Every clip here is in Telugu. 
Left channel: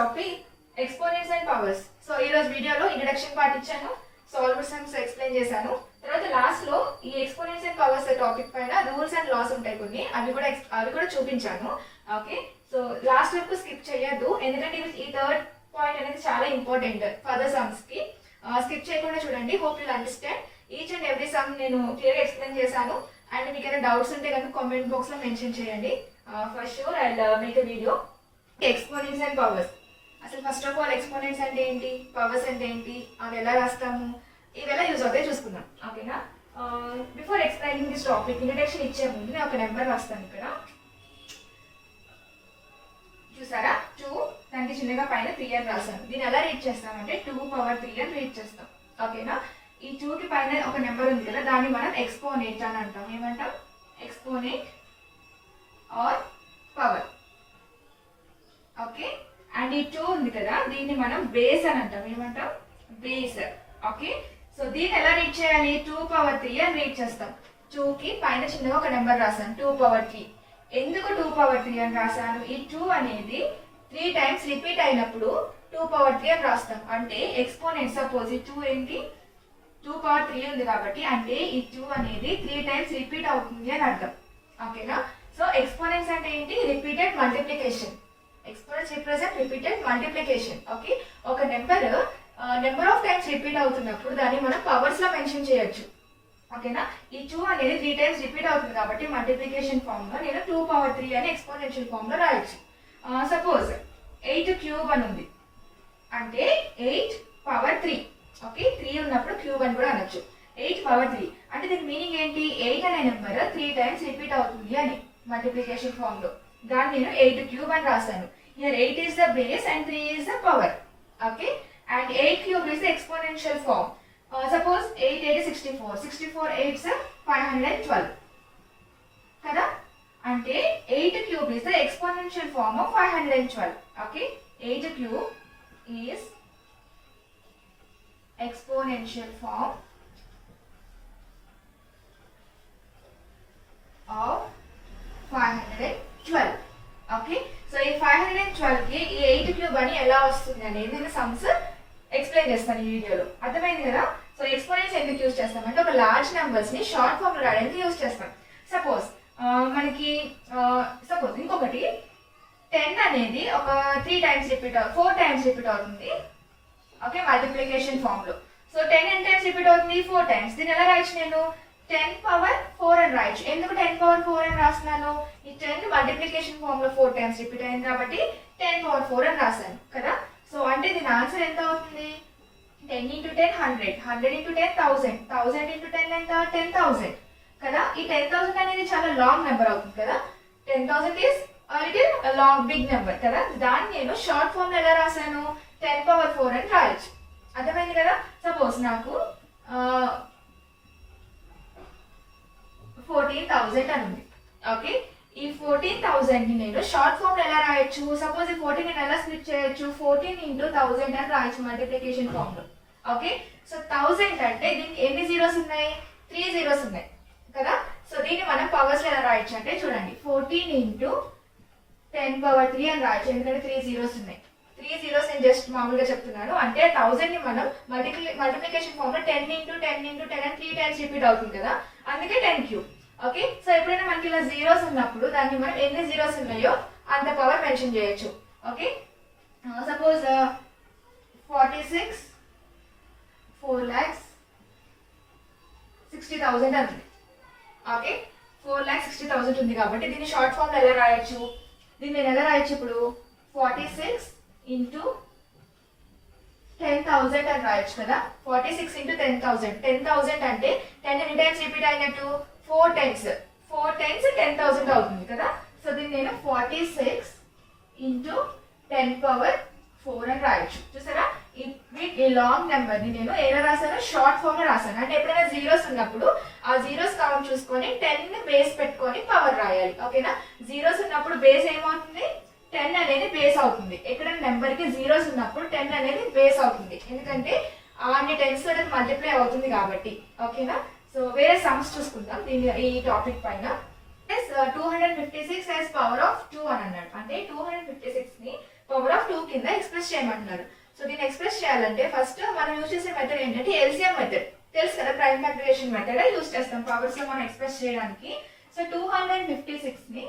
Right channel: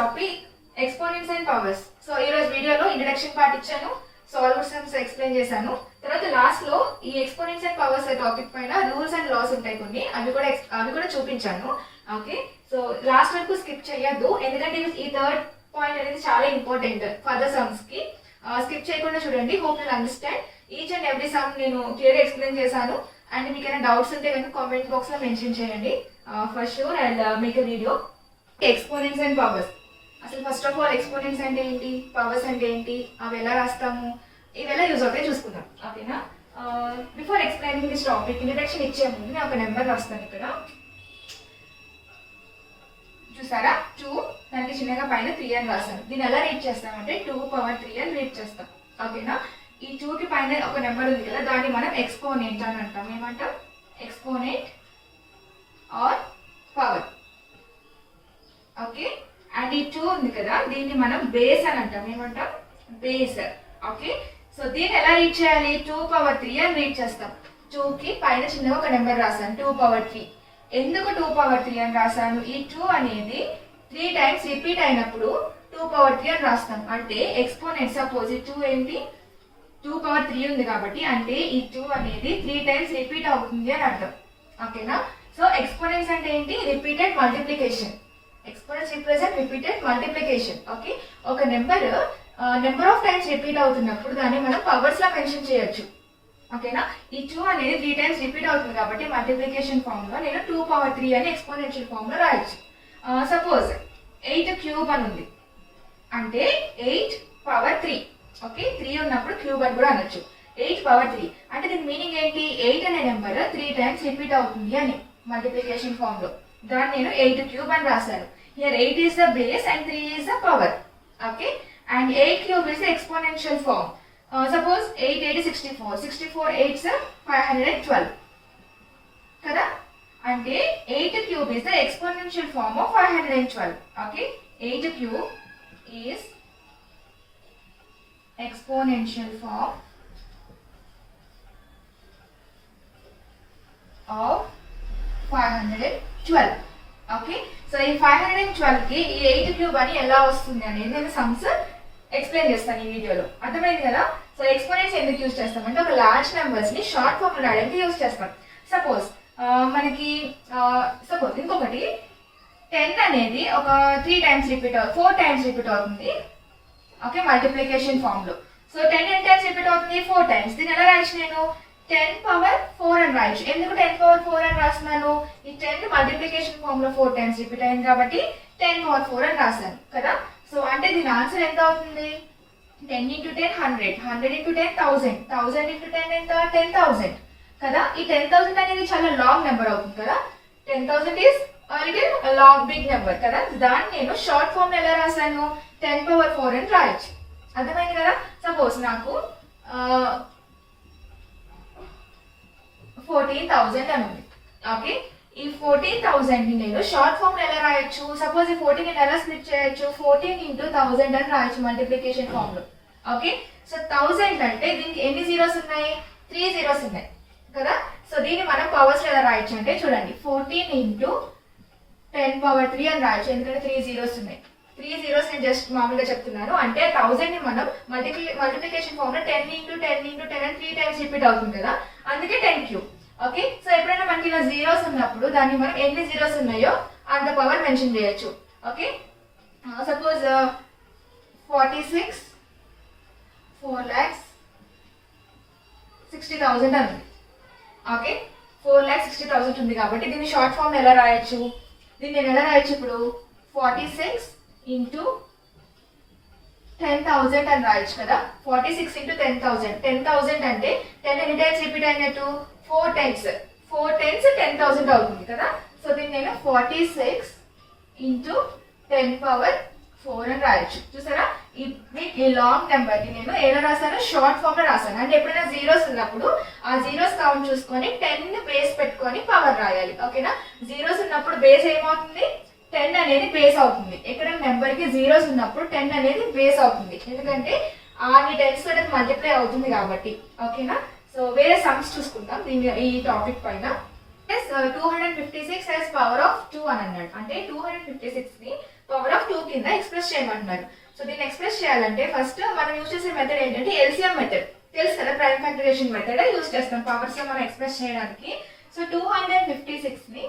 Topic exponents and powers. So ఈ రోజు వీడియోలో ఇంట్రడక్షన్ పార్ట్ ఇచ్చాను, సాల్వర్ సమ్స్ ఎక్స్ప్లెయిన్ చేశాను. తర్వాత లాస్ట్ లో ఈ ఎక్స్పోనెంట్స్ అండ్ పవర్స్ టాపిక్ పైన రూల్స్ అండ్ లాస్ ఉంటాయి కొన్ని, అవి కూడా చూపించాను. ఓకే, సో లాస్ట్ వరకు స్కిప్ చేయొద్దు, ఎందుకంటే ఈ థర్డ్ పాయింట్ అనేది చాలా ఇంపార్టెంట్ ఫర్దర్ సమ్స్ కి. స్కిప్ చేయకుండా చూడండి. Hope you understand each and every some నేను క్లియర్గా ఎక్స్ప్లెయిన్ చేశాను. అండ్ మీకు ఏమైనా డౌట్స్ ఉంటే కనుక కామెంట్ బాక్స్ లో మెన్షన్ చేయండి. For sure and make a video. Exponents and powers. అసలు ఫస్ట్ ఆఫ్ ఆల్ ఎక్స్పోనెంట్స్ అంటే ఏంటి, పవర్స్ అంటే ఏంటి, అవి ఎలా రాస్తాము, ఇవి ఎలా యూజ్ అవుతాయి చూసుకుందాం. ఓకేనా? Before explaining this topic introduction ఇచ్చే ముందు నేను ఒక నెంబర్ రాస్తాను ఇక్కడ. చూసారా, 2 దానికి చిన్నగా పైన 3 అని రాస్తాను. దీన్ని ఎలా రీడ్ చేస్తామంటే 2^3 అని రీడ్ చేస్తాం. ఓకేనా? ఈ 2కి పైన ఒక నెంబర్ ఉంది కదా, దాన్ని మనం ఎక్స్పోనెంట్ అని అంటాం. ఏమంటాం? Exponent or power. Okay, and ఈ 2 ఉంది కదా, దీన్ని మనం బేస్ అని అంటాం. ఏమంటాం? బేస్. ఓకే, సో దీన్ని ఎలా రీడ్ చేయాలి? 2^3 అని రీడ్ చేస్తాం. 2కి పైన చిన్నగా ఒక నెంబర్ రాస్తాను, 2^3. ఎందుకు 2^3 అని రాశాను? ఈ 2 అనేది 3 టైమ్స్ రిపీట్ అయినప్పుడు 2^3 అని రాస్తాం. అంటే ఎక్స్పోనెంట్ సపోజ్ ఈ 2 ఏంటి, 2^3 ఉంది కాబట్టి, అంటే ఈ 2 అనేది 3 టైమ్స్ రిపీట్ అవుతుంది అని అర్థం. ఓకేనా? సో ఎక్స్పోనెంట్స్ అంటే ఏంటి? Repeated multiplication. Exponents represent repeated multiplication. Okay, ఒక నెంబర్ ఆఫ్ టైమ్స్ రిపీట్ అవుతున్నప్పుడు దాన్ని మనం పవర్స్ లో మెన్షన్ చేయొచ్చు. ఓకేనా? ఈ 2 అనేది 3 టైమ్స్ రిపీట్ అవుతుంది కాబట్టి మల్టిప్లికేషన్ ఫామ్ లో నేను 2^3 అని ఎక్స్పోనెన్షియల్ ఫామ్ లో రాయొచ్చు. సపోజ్ 8³ అని ఉంది అంటే 8^3. ఓకే, 3 ఉన్నప్పుడు క్యూబ్ అని కూడా అనొచ్చు. 8^3 అంటే దీని మీనింగ్ ఏంటి? 8 అనే నెంబర్ 3 టైమ్స్ రిపీట్ అవుతుంది అని మల్టిప్లికేషన్ ఫామ్ లో. దాన్ని నేను 8³ అని రాశాను. Here 8 is the base and 3 is the power. Okay, and 8³ is the exponential form. Suppose 8 8 is 64. 64 8s 512. కదా? అంటే 8³ is the exponential form of 512. Okay, 8³ is exponential form of 512. Okay, so ఈ 512 కి ఈ 8³ అని ఎలా వస్తుంది అనేది నేను సమ్స్ ఎక్స్ప్లెయిన్ చేస్తాను ఈ వీడియోలో. అర్థమైంది కదా? సో ఎక్స్పోనెంట్స్ ఎందుకు యూజ్ చేస్తామంటే ఒక లార్జ్ నెంబర్స్ ని షార్ట్ ఫామ్ లో రాయడానికి యూజ్ చేస్తాం. సపోజ్ మనకి ఇంకొకటి 10 అనేది ఒక 4 టైమ్స్ రిపీట్ అవుతుంది. ఓకే, మల్టిప్లికేషన్ ఫామ్ లో. సో 10 ఎన్ని టైమ్స్ రిపీట్ అవుతుంది? 4 టైమ్స్. దీన్ని ఎలా రాయొచ్చు? నేను 10^4 అని రాయొచ్చు. ఎందుకు 10^4 అని రాస్తున్నాను? ఈ 10 మల్టిప్లికేషన్ ఫామ్ లో 4 టైమ్స్ రిపీట్ అయింది కాబట్టి 10^4 అని రాశాను కదా. సో అంటే దీని ఆన్సర్ ఎంత అవుతుంది? 10 × 10 100, 100 × 10 1000, 1000 × 10 ఎంత? 10,000 కదా. ఈ 10,000 అనేది చాలా లాంగ్ నెంబర్ అవుతుంది కదా. 10,000 ఈస్ లాంగ్ బిగ్ నెంబర్ కదా. దాన్ని నేను షార్ట్ ఫామ్ ఎలా రాశాను? 10^4 అని రాయొచ్చు. అర్థమైంది కదా? సపోజ్ నాకు 14,000 అని ఉంది. ఓకే, ఈ 14,000 ని నేను షార్ట్ ఫామ్ లో ఎలా రాయొచ్చు? సపోజ్ ఈ 14 ని ఎలా స్ప్లిట్ చేయొచ్చు? 14 × 1000 అని రాయొచ్చు మల్టిప్లికేషన్ ఫామ్ లో. ఓకే, సో 1000 అంటే దీనికి ఎన్ని జీరోస్ ఉన్నాయి? 3 జీరోస్ ఉన్నాయి కదా. సో దీన్ని మనం పవర్స్ లో ఎలా రాయొచ్చు అంటే చూడండి, 14 × 10^3 అని రాయొచ్చు. ఎందుకంటే 3 జీరోస్ ఉన్నాయి. 3 జీరోస్ నేను జస్ట్ మామూలుగా చెప్తున్నాను. అంటే 1000 ని మనం మల్టిప్లికేషన్ ఫామ్ లో 10 × 10 × 10 అని 3 టైమ్స్ రిపీట్ అవుతుంది కదా, అందుకే 10³. ఓకే, సో ఎప్పుడైనా మనకి ఇలా జీరోస్ ఉన్నప్పుడు దాన్ని మనం ఎన్ని జీరోస్ ఉన్నాయో అంత పవర్ మెన్షన్ చేయొచ్చు. ఓకే, సపోజ్ 46 4,60,000 అని ఉంది. ఓకే, 4,60,000 ఉంది కాబట్టి దీన్ని షార్ట్ ఫామ్ ఎలా రాయొచ్చు? దీన్ని నేను ఎలా రాయొచ్చు ఇప్పుడు? 46 × 10,000 అని రాయొచ్చు కదా. 46 × 10,000. 10,000 అంటే 10 ఎన్ని టైమ్స్ రిపీట్ అయినట్టు? 4 టైమ్స్. 4 టైమ్స్ 10,000 అవుతుంది కదా. సో దీన్ని నేను 46 × 10^4 అని రాయొచ్చు. చూసారా, ఈ లాంగ్ నెంబర్ ని నేను ఎలా రాశాను? షార్ట్ ఫామ్ లో రాశాను. అంటే ఎప్పుడైనా జీరోస్ ఉన్నప్పుడు ఆ జీరోస్ కౌంట్ చూసుకొని 10 బేస్ పెట్టుకొని పవర్ రాయాలి. ఓకేనా? జీరోస్ ఉన్నప్పుడు బేస్ ఏమవుతుంది? 10 అనేది బేస్ అవుతుంది. ఎక్కడైనా నెంబర్ కి జీరోస్ ఉన్నప్పుడు 10 అనేది బేస్ అవుతుంది. ఎందుకంటే అన్ని టెన్స్ తోటి మల్టిప్లై అవుతుంది కాబట్టి. ఓకేనా? సో వేరే సమ్స్ చూసుకుందాం ఈ టాపిక్ పైన. 256 as power of 2 అని అన్నాడు. అంటే 256 ని పవర్ ఆఫ్ 2 కింద ఎక్స్ప్రెస్ చేయమంటున్నారు. సో దీన్ని ఎక్స్ప్రెస్ చేయాలంటే ఫస్ట్ మనం యూజ్ చేసే మెథడ్ ఏంటంటే ఎల్సిఎం మెథడ్. తెలుసు కదా, ప్రైమ్ ఫ్యాక్టరైజేషన్ మెథడ్ యూజ్ చేస్తాం పవర్స్ లో మనం ఎక్స్ప్రెస్ చేయడానికి. సో 256 ని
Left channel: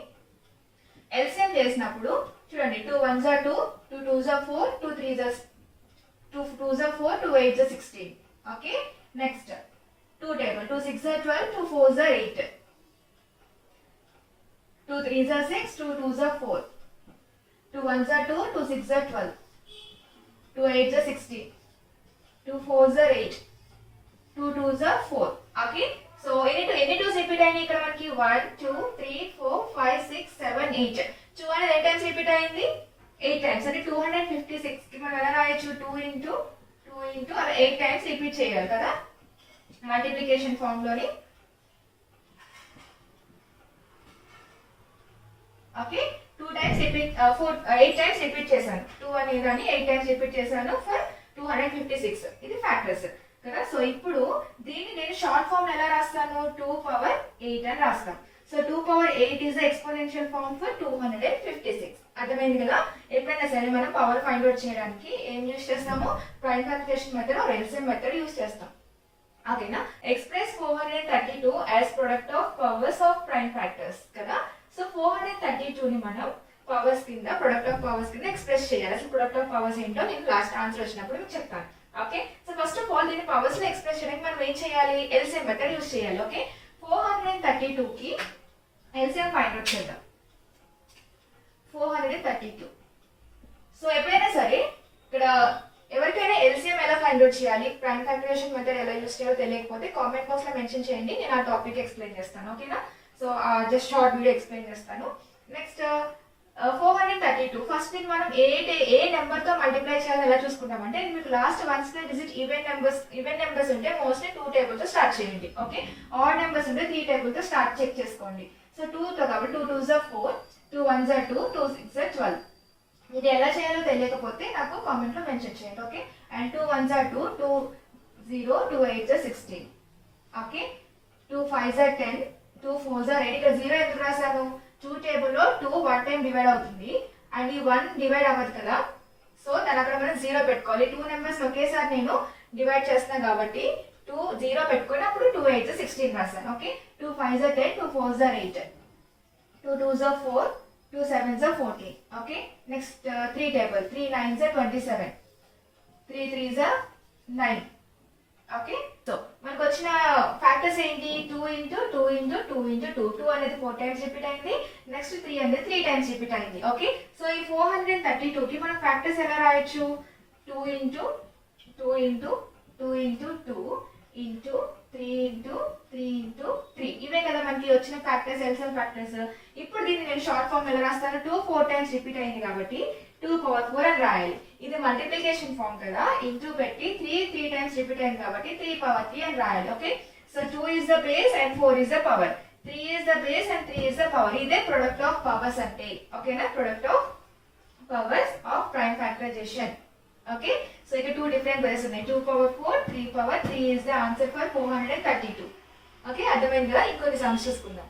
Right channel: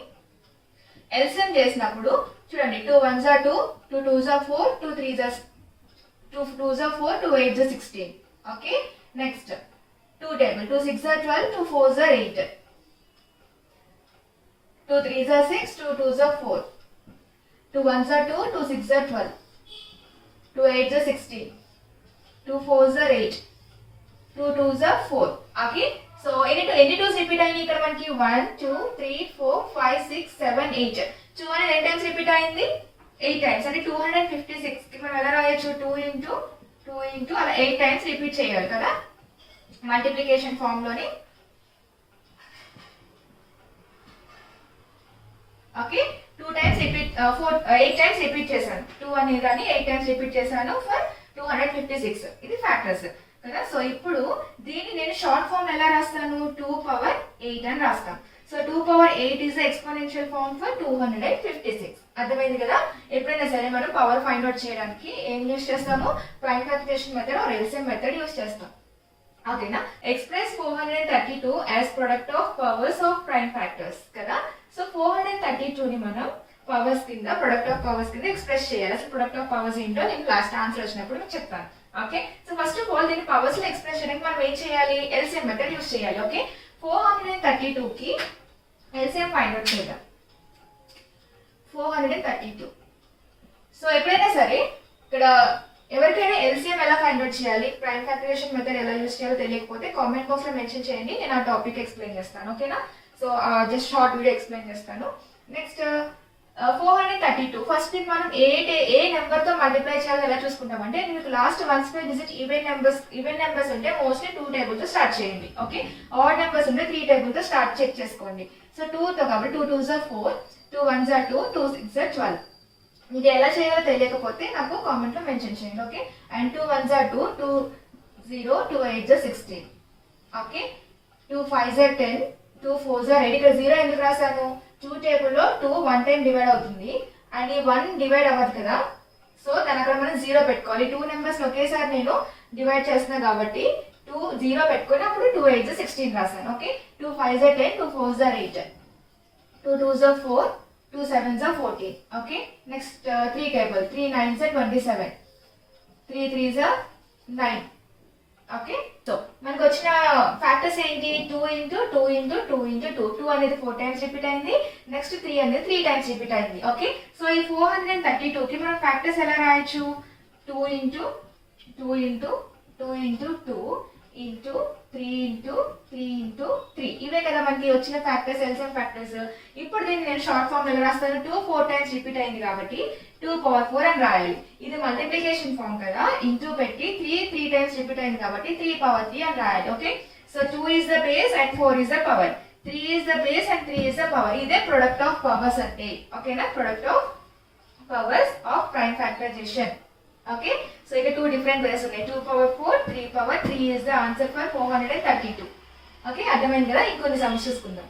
ఎల్సిఎం చేసినప్పుడు చూడండి, 2 1s are 2, 2 2s are 4, 2 3s are 4, 2 8s are 16. Okay, next 2 table, 2 6s are 12, 2 4s are 8, 2 3s are 6, 2 2s are 4, 2 1s are 2, 2 6s are 12, 2 8s are 16, 2 4s are 8, 2 2s are 4. Okay, so ఎన్ని టూస్ రిపీట్ అయినాయి ఇక్కడ మనకి? 1 2 3 4 5 6 7 8. 2 అనేది ఎన్ని టైమ్స్ రిపీట్ అయింది? 8 టైమ్స్. అంటే 256 కి మనం ఎలా రాయొచ్చు? 2 ఇంటూ అలా 8 టైమ్స్ రిపీట్ చేయాలి కదా మల్టిప్లికేషన్ ఫామ్ లోని. Okay, 2 times repeat 8 times repeat చేశాను. 2 అనేది అని 8 టైమ్స్ రిపీట్ చేశాను ఫర్ 256. ఇది ఫ్యాక్టర్స్ కదా. సో ఇప్పుడు దీన్ని నేను షార్ట్ ఫామ్ ఎలా రాస్తాను? 2 పవర్ 8 అని రాస్తాను. So 2 power 8 is exponential form for 256. అర్థమైంది కదా? ఎప్పుడైనా సరే మనం పవర్ ఫైండ్ అవుట్ చేయడానికి ఏం యూజ్ చేస్తాము? Prime factorisation method or LCM method use చేస్తాం. ఓకేనా? Express 432 as product of powers of prime factors కదా. సో 432 ని మనం పవర్స్ కింద, ప్రొడక్ట్ ఆఫ్ పవర్స్ కింద ఎక్స్ప్రెస్ చేయాలి. అసలు ప్రొడక్ట్ ఆఫ్ పవర్స్ ఏంటో నేను లాస్ట్ ఆన్సర్ వచ్చినప్పుడు మీకు చెప్తాను. Okay, so first of all దీన్ని పవర్స్ లో ఎక్స్ప్రెస్ చేయడానికి మనం ఏం చేయాలి? ఎల్సిఎం మెథడ్ యూజ్ చేయాలి. ఓకే, 432 కి ఎల్సిఎం ఫైండ్ అవుట్ చేద్దాం. 432. సో ఎప్పుడైనా సరే ఇక్కడ ఎవరికైనా ఎల్సిఎం ఎలా ఫైండ్ అవుట్ చేయాలి, ప్రైమ్ ఫ్యాక్టరైజేషన్ మెథడ్ ఎలా యూజ్ చేయాలో తెలియకపోతే కామెంట్ బాక్స్ లో మెన్షన్ చేయండి, నేను ఆ టాపిక్ ఎక్స్ప్లెయిన్ చేస్తాను. ఓకేనా? So just short video explain చేస్తాను. నెక్స్ట్ 432 ఫస్ట్ దీన్ని మనం ఏ నెంబర్ తో మల్టిప్లై చేయాలో ఎలా చూసుకుంటాం అంటే, మీకు last 1 square digit even numbers ఉంటే మోస్ట్లీ 2 టేబుల్ తో స్టార్ట్ చేయండి. ఓకే, ఆడ్ నెంబర్స్ ఉంటే 3 టేబుల్ తో స్టార్ట్ చెక్ చేసుకోండి. సో 2 తో కాబట్టి 2 2s are 4, 2 1s are 2, 2 6s are 12. ఇది ఎలా చేయాలో తెలియకపోతే నాకు కామెంట్ లో మెన్షన్ చేయండి. Okay, and 2 1s are 2, 2 0, 2 8s are 16. Okay, 2 5s are 10, 2 4s are 8. ఇక్కడ 0 ఎందుకు రాశాను? 2 టేబుల్లో 2 1 టైం డివైడ్ అవుతుంది అండ్ ఈ 1 డివైడ్ అవ్వదు కదా. సో దాని అక్కడ మనం 0 పెట్టుకోవాలి. 2 నెంబర్స్ ఒకేసారి నేను డివైడ్ చేస్తున్నా కాబట్టి 2 0 పెట్టుకొని అప్పుడు 2 8s are 16 రాశాను. Okay, 2 5s are 10, 2 4s are 8, 2 2s are 4, 2 7s are 14. Okay, next 3 table, 3 9s are 27, 3 3s are 9. Okay, so మనకు వచ్చిన ఫ్యాక్టర్స్ ఏంటి? 2 ఇంటూ 2 ఇంటూ 2 ఇంటూ 2. 2 అనేది 4 టైమ్స్ రిపీట్ అయింది. నెక్స్ట్ 3 అనేది 3 టైమ్స్ రిపీట్ అయింది. ఓకే, సో ఈ 432 కి మనం ఫ్యాక్టర్స్ ఎలా రాయొచ్చు? 2 into 2 into 2 into 2 into 3 into 3 into 3. ఇవే కదా మనకి వచ్చిన ఫ్యాక్టర్స్, ఎల్సిఎం ఫ్యాక్టర్స్. ఇప్పుడు దీన్ని నేను షార్ట్ ఫామ్ ఎలా రాస్తాను? 2 4 టైమ్స్ రిపీట్ అయింది కాబట్టి 2 పవర్ 4 అని రాయాలి. ఇది మల్టిప్లికేషన్ ఫామ్ కదా, ఇంటూ పెట్టి 3 టైమ్స్ రిపీట్ అయింది కాబట్టి 3 పవర్ 3 అని రాయాలి. Okay, so 2 is the base and 4 is the power, 3 is the base and 3 is the power. ఇదే ప్రొడక్ట్ ఆఫ్ పవర్స్ అంటే. ఓకేనా? Product of powers of prime factorisation. Okay, so ఇక 2 డిఫరెంట్ వేస్ ఉన్నాయి. 2 power 4, 3 power 3 is the answer for 432. Okay, అర్థమైంది కదా? ఇంకొన్ని సమ్స్ చూసుకుందాం.